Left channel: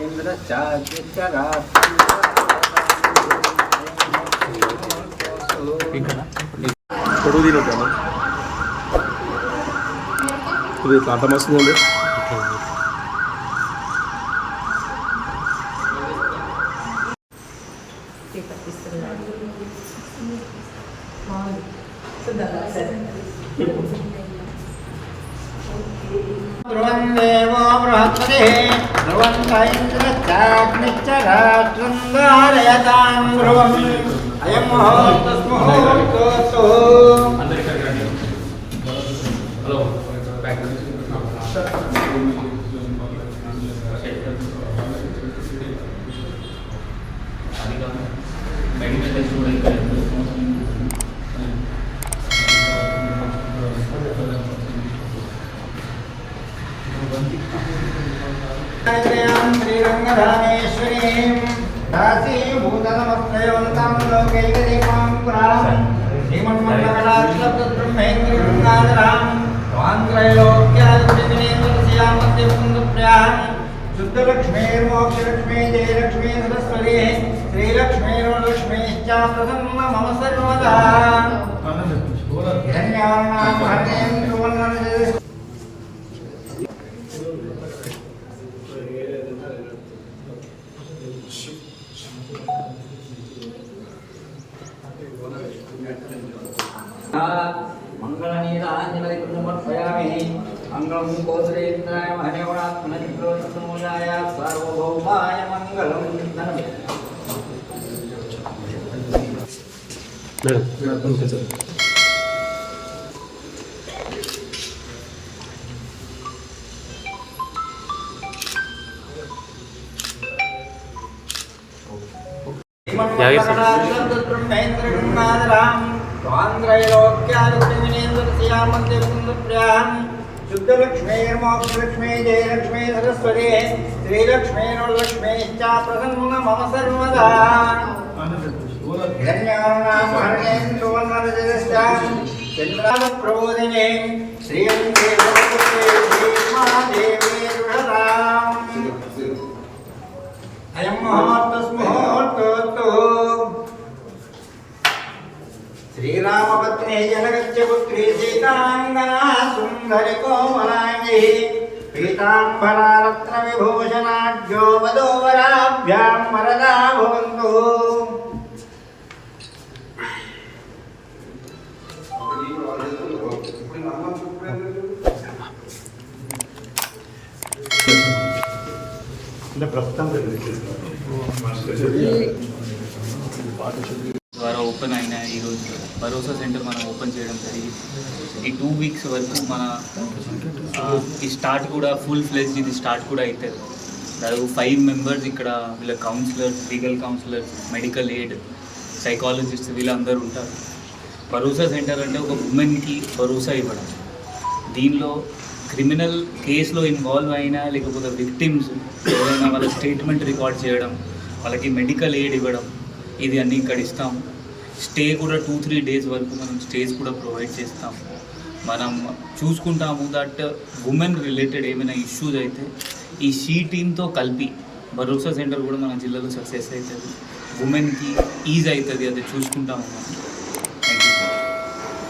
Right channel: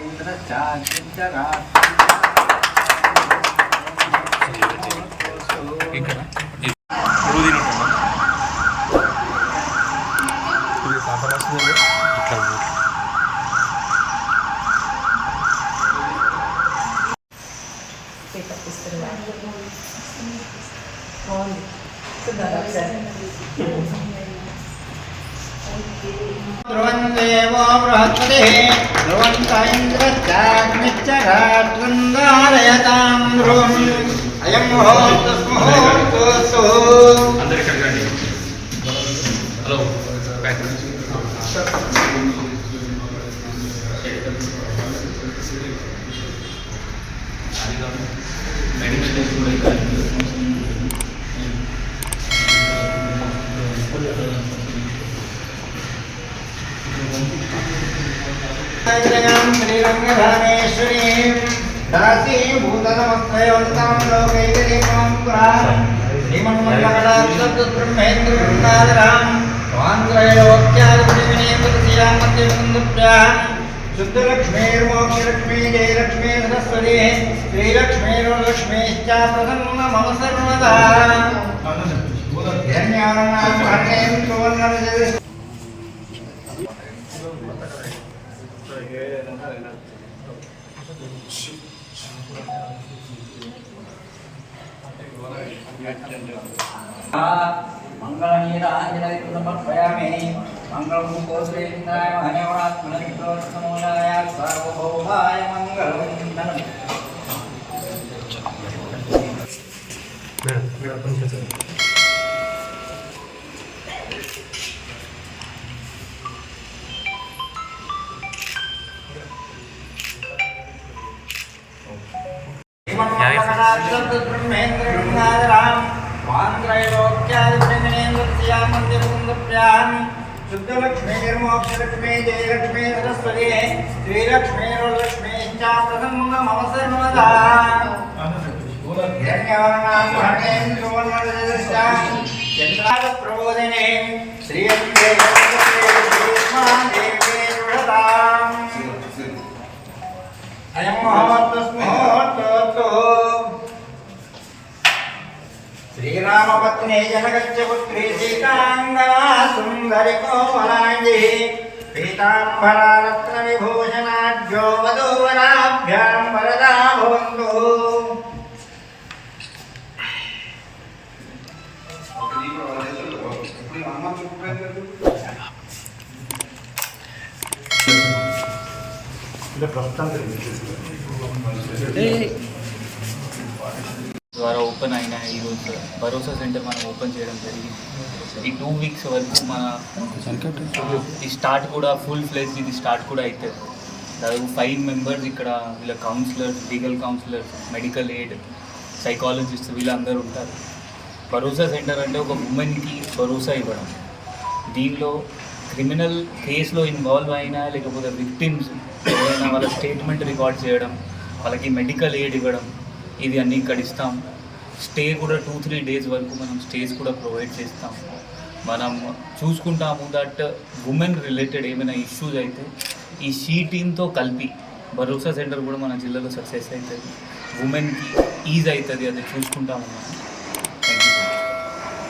ఇది కాంతం వస్తుంది ధ్రువం దేవో బృహస్పతిః ధ్రువంత ఇంద్రశ్చాగ్నిశ్చరాట్రం ధారయతాం ధ్రువం అయం ముహూర్తస్ముహూర్తోస్తు. శ్రీరంగధానేశ్వరీం దాసీభూతనమస్త్రయోగతాం లోకైకదేవాం పురాం శ్రీమన్మండలాక్షబ్రహ్మేంద్రవృందాధరాం స్వాంధ్రయోగ్యాదిపతివినేంద్రస్యామత్యపుందుభ్యాం శుద్ధలక్ష్మీర్మోక్షలక్ష్మీ జయలక్ష్మీ సరస్వతీ శ్రీలక్ష్మీర్లక్ష్మీశ్చ ప్రసన్న మమ సర్వదా. ధన్యానాం హరేంద్రవర్ణన మంగళనీరాంజనమర్పయామి. మంగళం కోసలేంద్రాయ మహనీయాత్మనోజాయ సార్వభౌమాయ మంగళం. శుద్ధలక్ష్మీర్మోక్షలక్ష్మీ జయలక్ష్మీ సరస్వతీ శ్రీలక్ష్మీర్లక్ష్మీశ్చ ప్రసన్న మమ సర్వదా. చంద్రాగప్రబోధినే శ్రీయం అయం ముహూర్తస్ముహూర్తోస్తు. శ్రీరామపత్ని జనగచ్చపుత్రీ సీతాంగనా సుందరి కోమలాంగి పీతాంబరరత్న విభూషణాఢ్యో వధూవరాభ్యాం వరదా భవంతు. ద్వారా ఓపెన్ అయిన ఈరోజు భరోసా సెంటర్ మనం ఓపెన్ చేయడం జరిగింది. ఈ 2 వీక్స్ వరకు మన ఈ స్టార్ట్ కూడా ఫుల్ ఫ్లెజ్ ఇది స్టార్ట్ కూడా అవుతుంది. దాదాపు 5 మెంబర్స్ ఇక్కడ వీళ్ళ counsellors, legal counsellors, medical aid, psychologist వీళ్ళందరూ ఉంటారు. భరోసా సెంటర్ అంటే ఒక ఉమెన్కి భరోసా ఇవ్వడం. దీనిలో క్రిమినల్ కేసులో ఇన్వాల్వ్ అయినా లేకపోతే విక్టిమ్స్ ఎవరైనా వాళ్ళ స్టేట్మెంట్ రికార్డ్ చేయడం, వాళ్ళకి మెడికల్ ఎయిడ్ ఇవ్వడం, ఇది అన్నీ ఇక్కడ ఇస్తాము. స్టే కూడా 2-3 డేస్ వరకు మనం స్టేస్ కూడా ప్రొవైడ్ చేస్తాము. మనం చూసుకుంటాము దట్ ఉమెన్ రిలేటెడ్ ఏమైనా ఇష్యూస్ అయితే ఈ షీ టీమ్తో కలిపి భరోసా సెంటర్ కూడా మన జిల్లాలో సక్సెస్ అవుతుంది, ఉమెన్కి ఈజ్ అవుతుంది, అది చూసుకుంటాము మనం.